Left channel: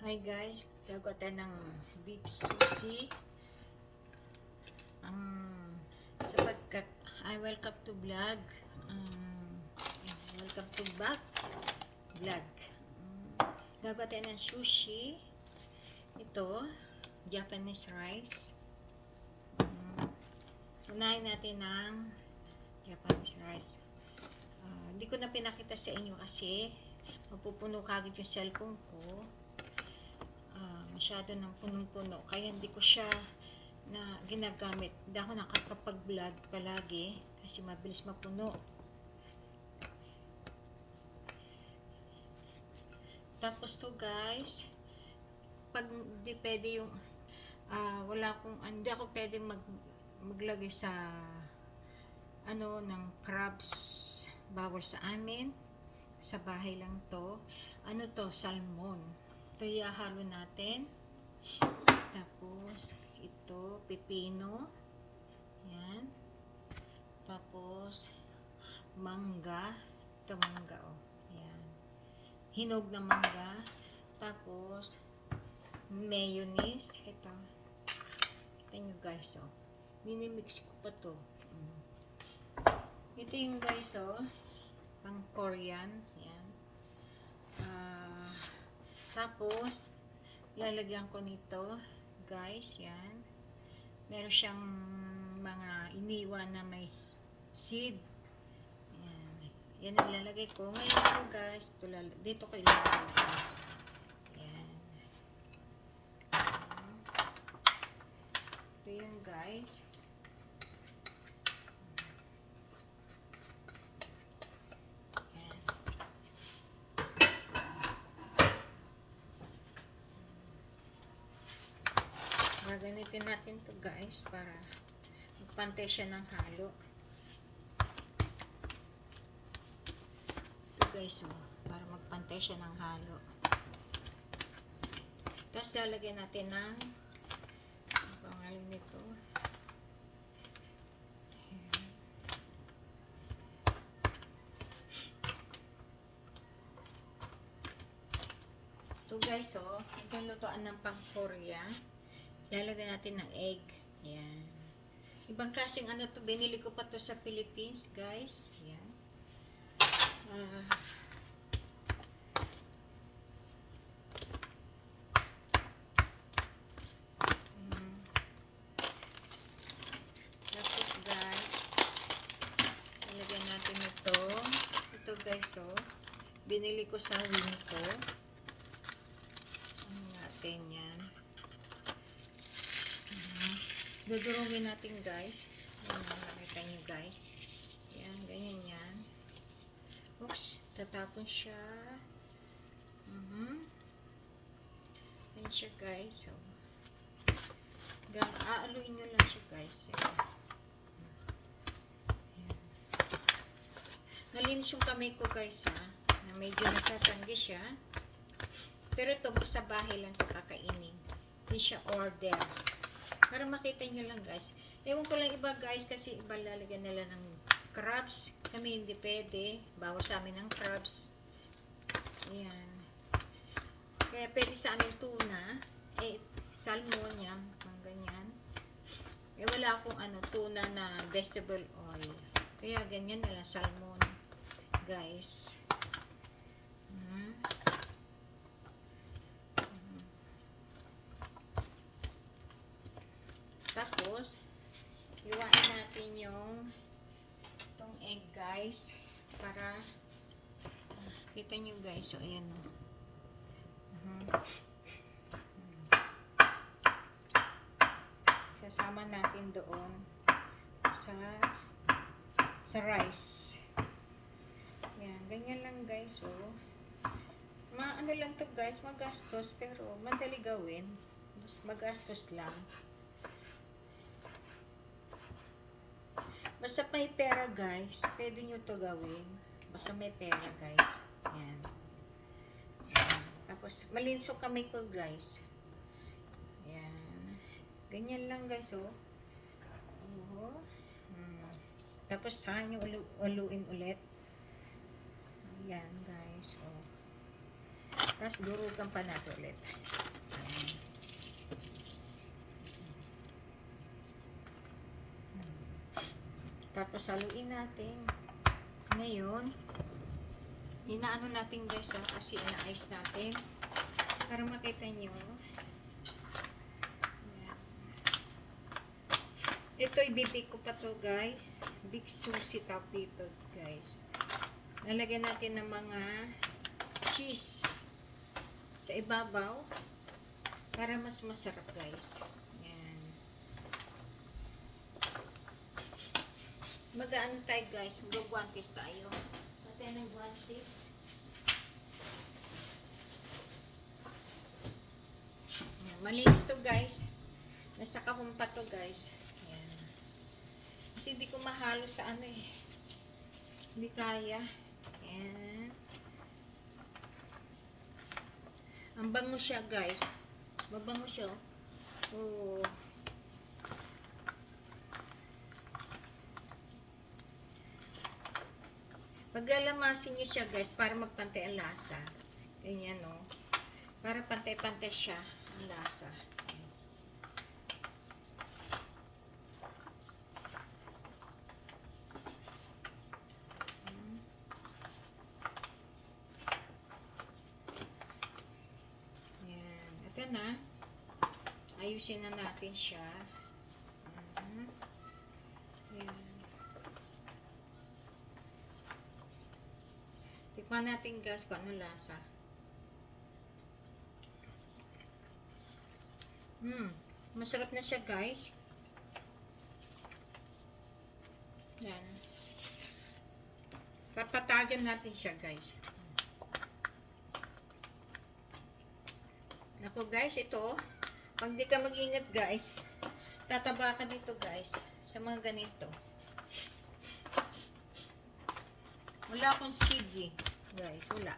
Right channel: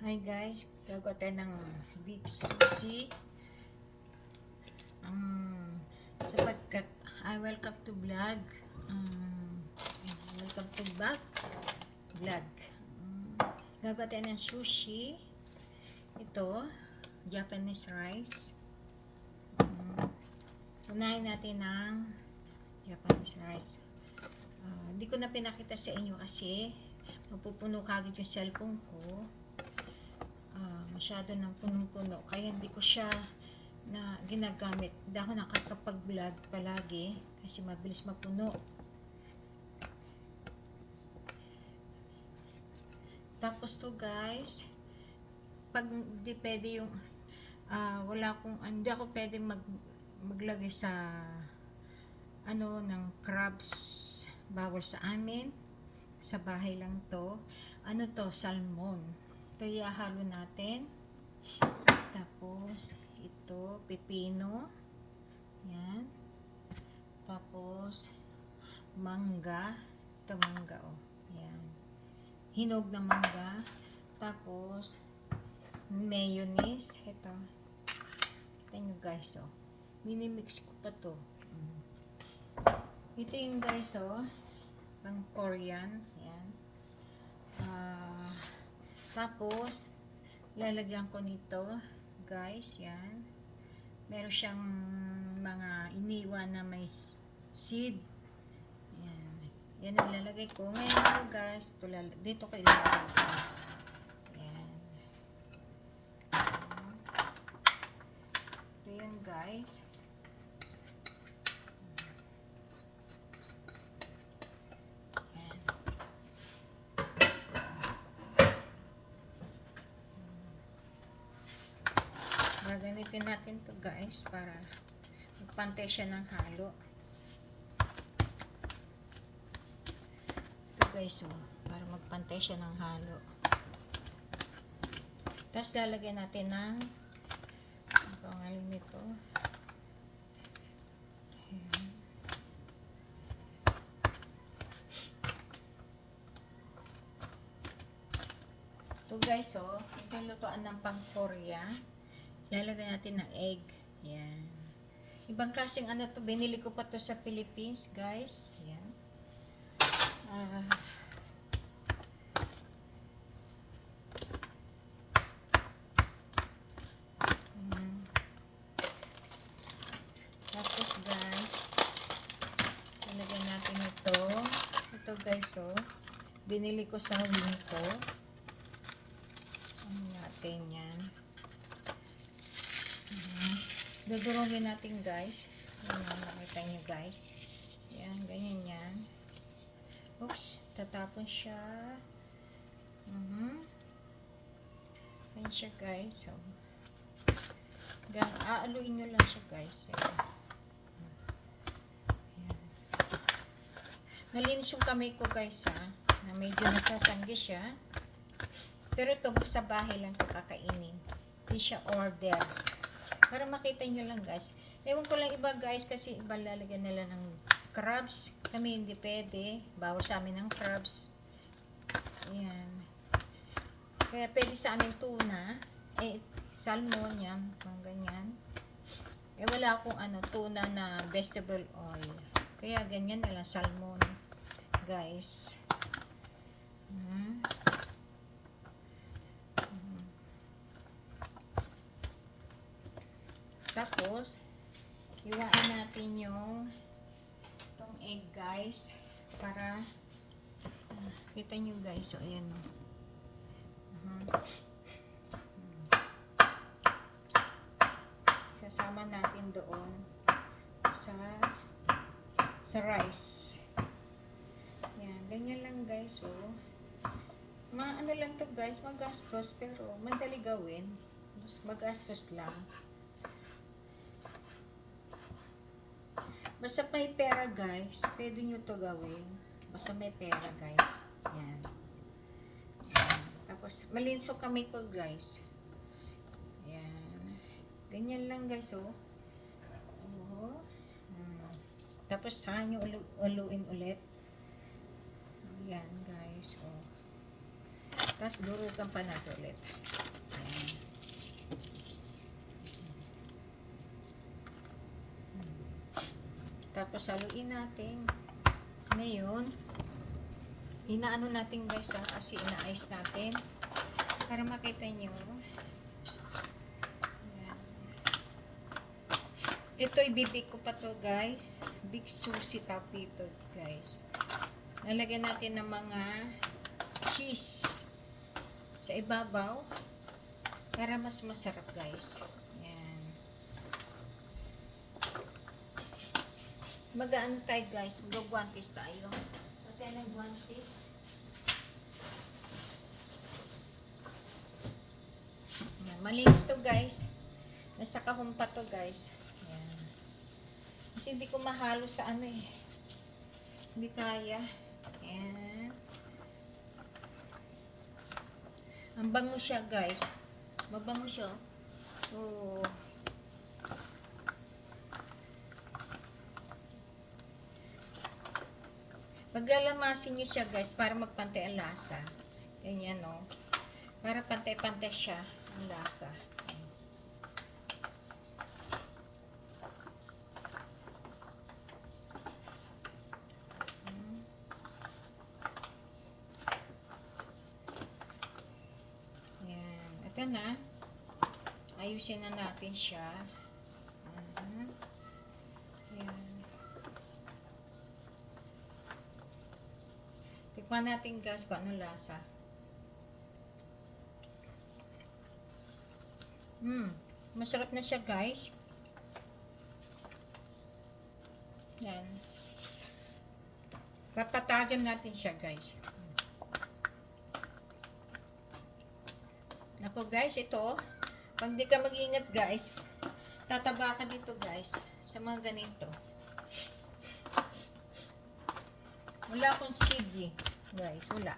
Hi guys, gagawa tayo ng beef sushi. Sapagkat welcome to vlog. Welcome to back vlog. Gagawa tayo ng sushi. Ito, Japanese rice. Unahin natin ng Japanese rice. Hindi ko na pinakita sa inyo kasi mapupuno kagad yung cellphone ko. Masyado ng punong-puno kaya hindi ko siya na ginagamit. Hindi ako nakakapag-vlog palagi kasi mabilis mapuno. Tapos to guys, pag hindi pwede yung hindi ako pwede maglagay sa ng crabs, bawal sa amin, sa bahay lang to. Salmon. Ito ihahalo natin. Tapos ito pipino, yan. Tapos mangga, ito mangga, yan, hinog na mangga. Tapos mayonnaise, ito nyo guys, minimix ko pa to. Ito yung guys, pang Korean, yan. Tapos lalagyan ko nito guys, yan, meron siyang mga iniwan na may seed, yan ang ilalagay ko ngayon guys. Dito ko ilalagay guys, yan. Ito yung guys. Gagamitin natin to guys para magpantay siya ng halo. Ito guys, para magpantay siya ng halo. Tapos lalagyan natin ng pangalan nito. Ito guys, ito yung lutuan ng pang Korea. Lalagyan natin ng egg. Yan. Ibang klaseng to. Binili ko pa to sa Philippines, guys. Yan. Tapos, guys, lalagyan natin ito. Ito, guys, binili ko sa Winco. Ano natin yan. Dudurungin natin guys. Yan, nakita nyo guys. Yan, ganyan yan. Oops, tatapon siya. Ganyan siya guys. Aaluin nyo lang siya guys. Nalinis yung kamay ko guys, na medyo nasasanggi siya. Pero ito sa bahay lang ito kakainin. Hindi siya order. Para makita nyo lang guys. Ewan ko lang iba guys, kasi iba lalagyan nila ng crabs. Kami hindi pwede. Bawal sa amin ng crabs. Ayan. Kaya pwede sa amin tuna. Salmon yan. Mga ganyan. Wala akong tuna na vegetable oil. Kaya ganyan na lang salmon. Guys. Tapos, iwain natin yung itong egg guys, para kita nyo guys, ayan sasama natin doon sa rice. Yan, ganyan lang guys, ano lang to guys, magastos pero madali gawin. Magastos lang. Basta may pera guys, pwede nyo to gawin. Basta may pera guys. Yan. Tapos, malinis yung kamay ko guys. Yan. Ganyan lang guys, Tapos, saan nyo uluin ulit. Yan guys, Tapos durugan pa natin ulit. Ayan. Tapos haluin natin. Ngayon, inaano natin guys kasi ina-ice natin. Para makita nyo. Ayan. Ito ibibig ko pa to guys. Big sushi top dito guys. Lalagyan natin ng mga cheese sa ibabaw para mas masarap guys. Yan. Mag-ano tayo guys, mag-guantes tayo. Pati ng guantes. Yan. Malinis to guys. Nasa kahon pa to guys. Yan. Kasi hindi ko mahalo sa ano eh. Hindi kaya. Yan. Ang bango siya guys. Mabango siya. Oh. Paglalamasin niyo siya guys para magpantay ang lasa. Ganyan no. Para pantay-pantay siya ang lasa. Ito na. Ayusin na natin siya. Ayan. Tikman natin guys kung ano lasa. Masarap na siya guys. Yan. Papatagan natin siya guys. Ako guys, ito, pag di ka mag-ingat guys, tataba ka dito guys, sa mga ganito. Wala akong CD, guys, wala.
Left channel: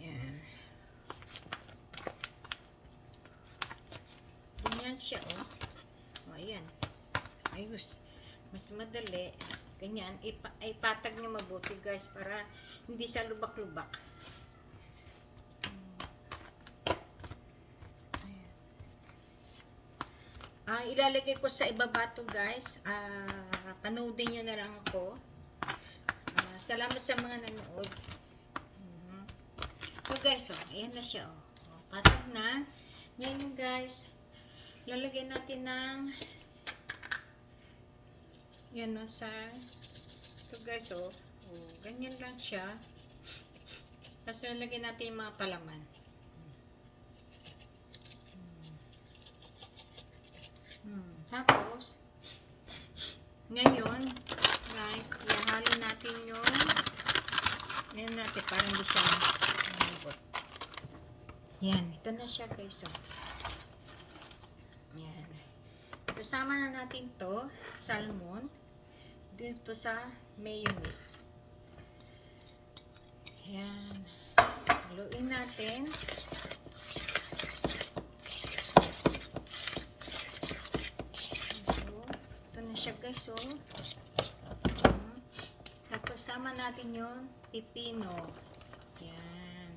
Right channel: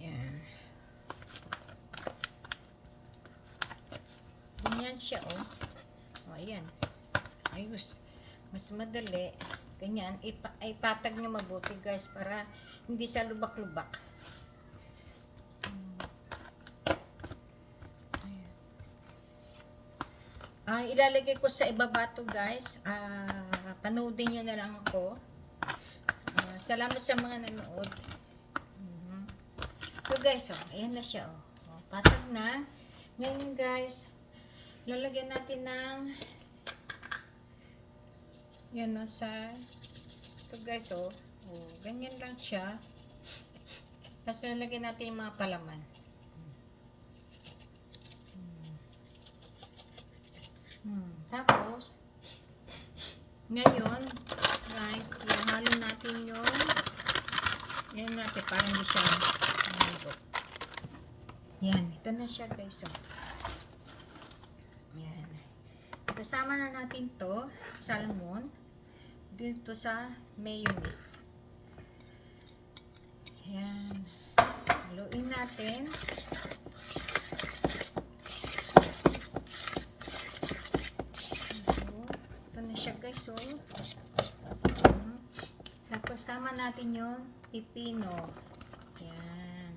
Yan. Ganyan siya, oh. O, ayan. Ayos. Mas madali. Ganyan, ipatag nyo mabuti guys, para hindi sa lubak-lubak. Ilalagay ko sa ibaba to guys. Panoodin nyo na lang ako. Salamat sa mga nanood. So guys, oh, ayan na siya. Oh. Patag na. Ngayon guys, lalagyan natin ng yan o sa ito guys, oh. Ganyan lang siya. Tapos lalagyan natin yung mga palaman. Tapos, ngayon, guys, ihalo natin yung yan natin, parang hindi siya malambot. Yan, ito na siya guys. Oh. Yan. Sasama na natin to salmon dito sa mayonnaise. Yan. Haluin natin. Siya guys, oh. Tapos sama natin yung pipino. Yan.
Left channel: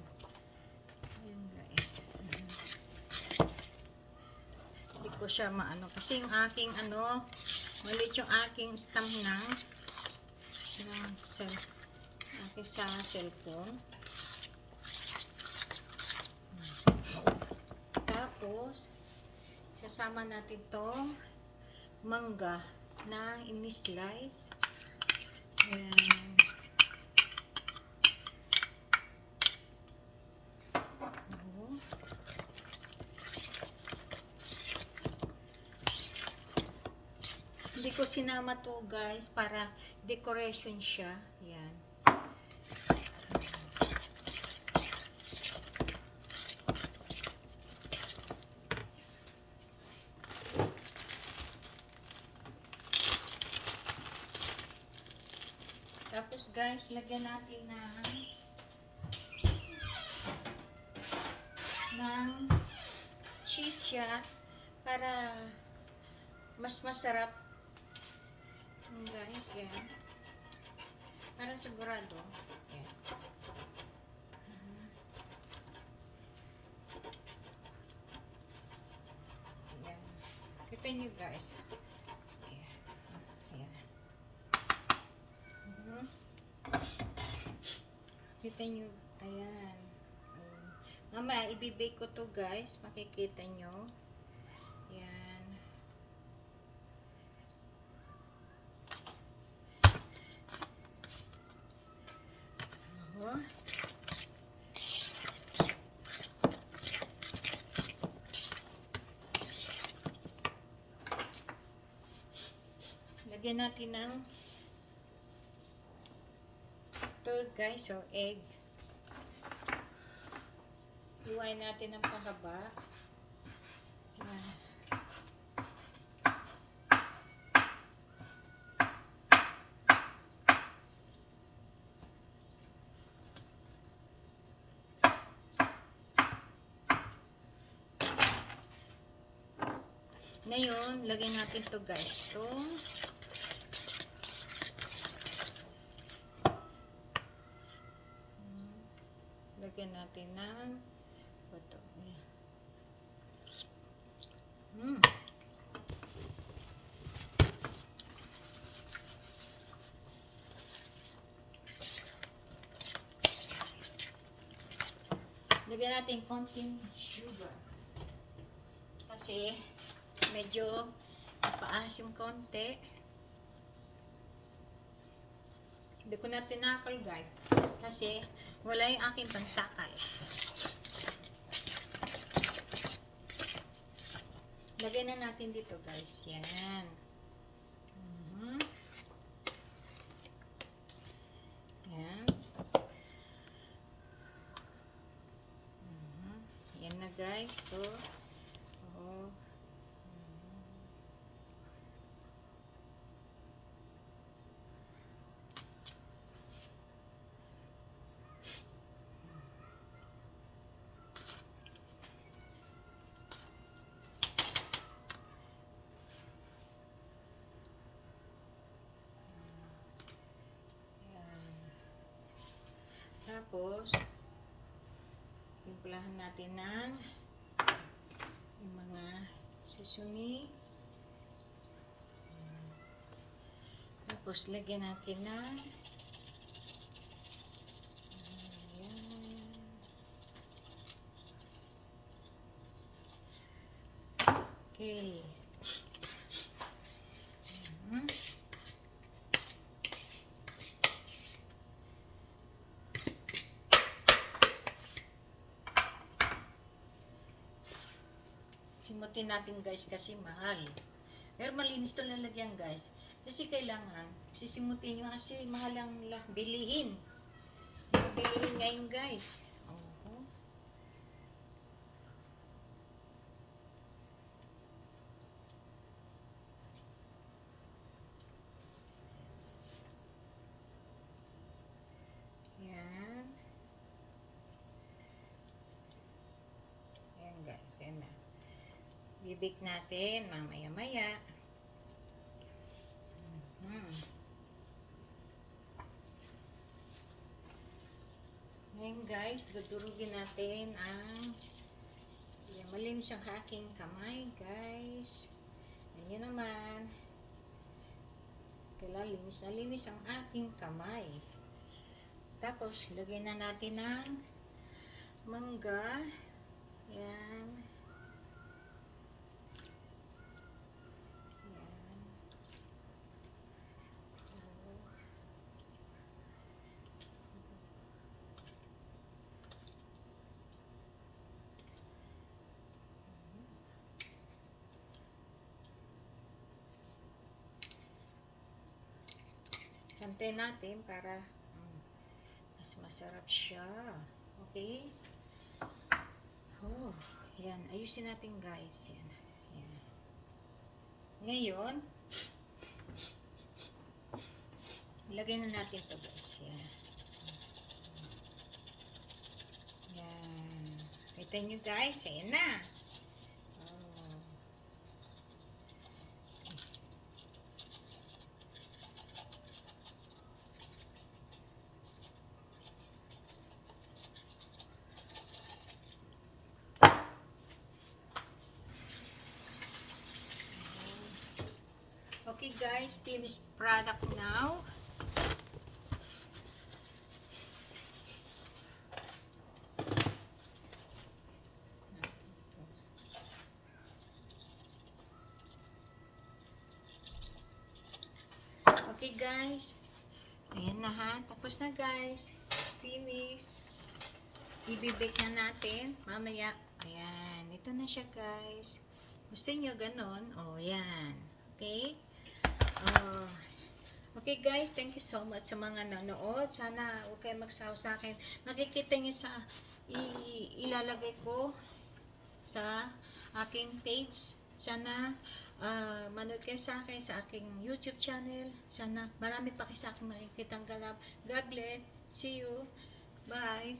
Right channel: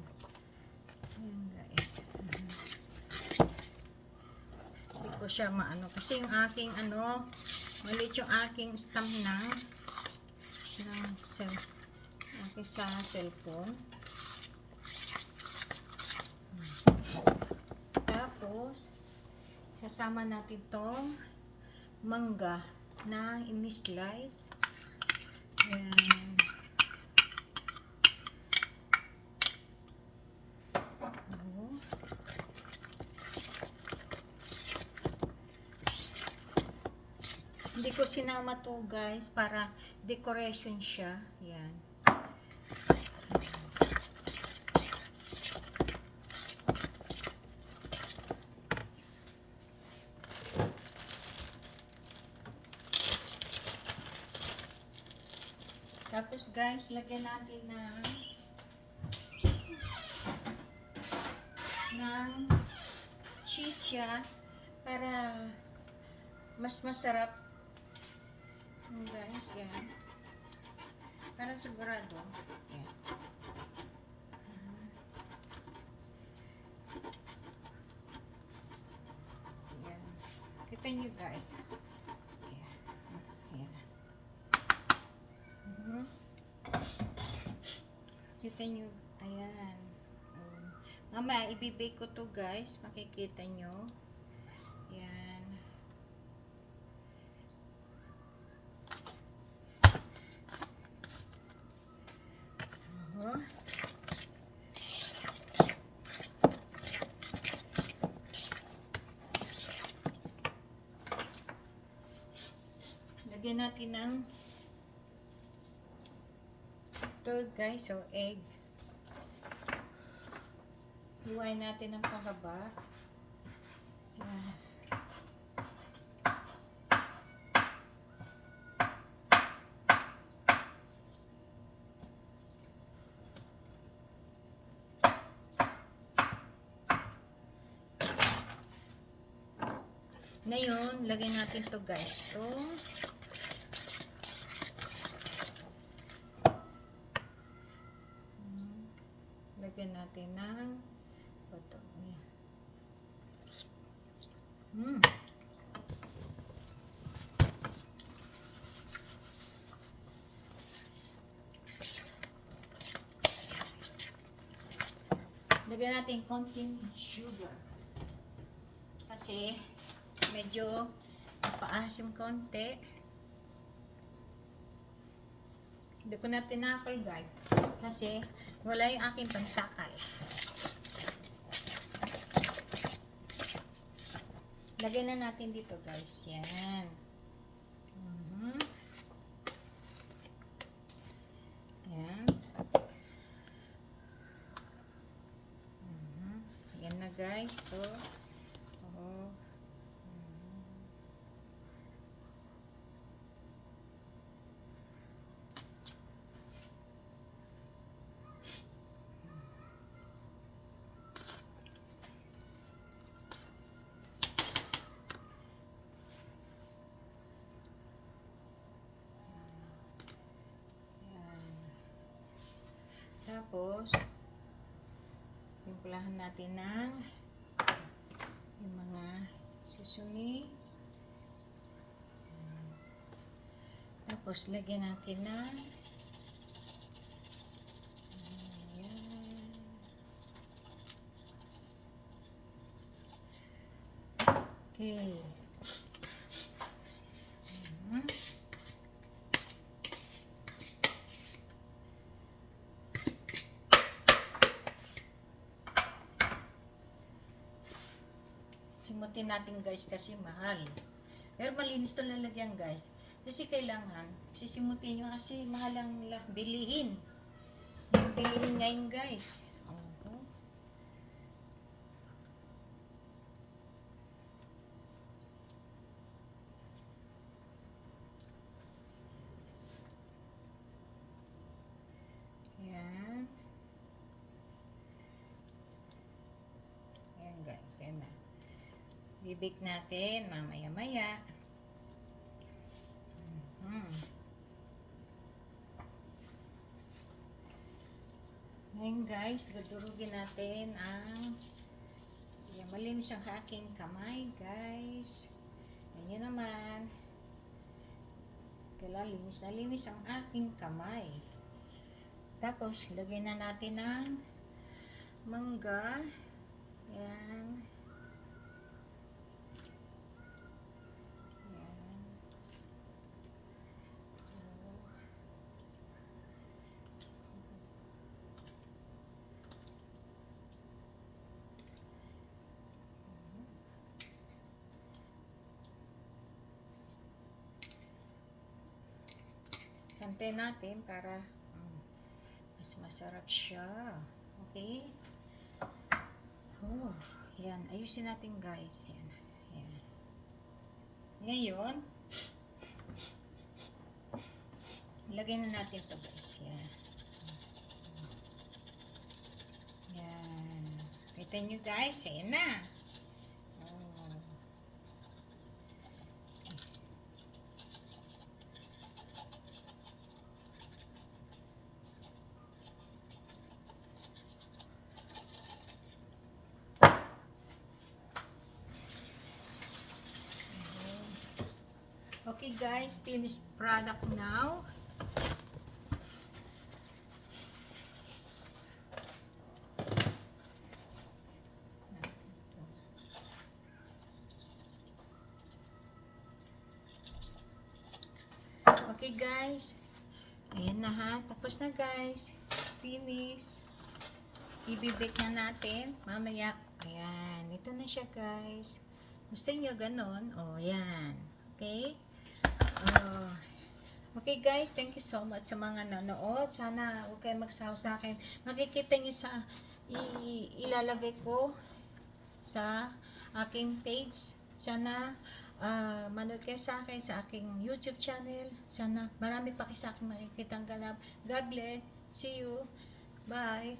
Ayan guys. Hindi ko siya maano kasi yung aking ano, maliit yung aking stamp ng aking sa cellphone. Tapos sasama natin tong mangga na ini-slice. Ayan. Hindi ko sinama to guys para decoration siya. Ayan. Tapos guys, lagyan natin ng cheese siya para mas masarap. Guys, yan. Para sigurado. Yan. Kita nyo guys. Ayan. Ayan. Kita nyo. Ayan. Mamaya, ibibake ko to guys. Makikita nyo. Ayan. Lagyan natin ng ito guys, so egg. Iwain natin ng pahaba. Ayan. Ngayon, lagyan natin to guys. So, lagyan natin ng ito. Lagyan natin konting sugar. Kasi, medyo napaasim konti. Hindi ko na tinakal guys. Kasi, wala yung aking pantakal. Lagyan na natin dito guys. Yan. Yan. Yan na guys. So, tapos, timplahan natin ng yung mga sesame. Tapos, lagyan natin ng okay. Simutin natin guys kasi mahal. Pero malinis to lalagyan guys. Kasi kailangan sisimutin nyo kasi mahal ang bilihin. Bilihin ngayon guys. Yan. Yan guys. Yan na. Bibig natin mamaya-maya. Ngayon guys, dudurugin natin ang malinis ang aking kamay guys. Ganyan naman. Kailangan linis na linis ang aking kamay. Tapos, lagyan na natin ng mangga. Yan. Kantay natin para mas masarap siya. Okay? Oh, yan. Ayusin natin guys. Yan. Yan. Ngayon, lagay na natin to guys. Yan. Yan. Kita nyo guys. Ayan na. guys, finished product now. Okay guys. Ayan na ha. Tapos na guys. Finish. Ibibake na natin. Mamaya. Ayan. Ito na siya guys. Gusto nyo ganon? O, yan. Okay? Okay guys, thank you so much sa mga nanood. Sana huwag kayo magsawa sa akin. Makikita nyo sa ilalagay ko sa aking page. Sana manood kayo sa akin sa aking YouTube channel. Sana marami pa kayo sa akin makikitang ganap. God bless. See you. Bye.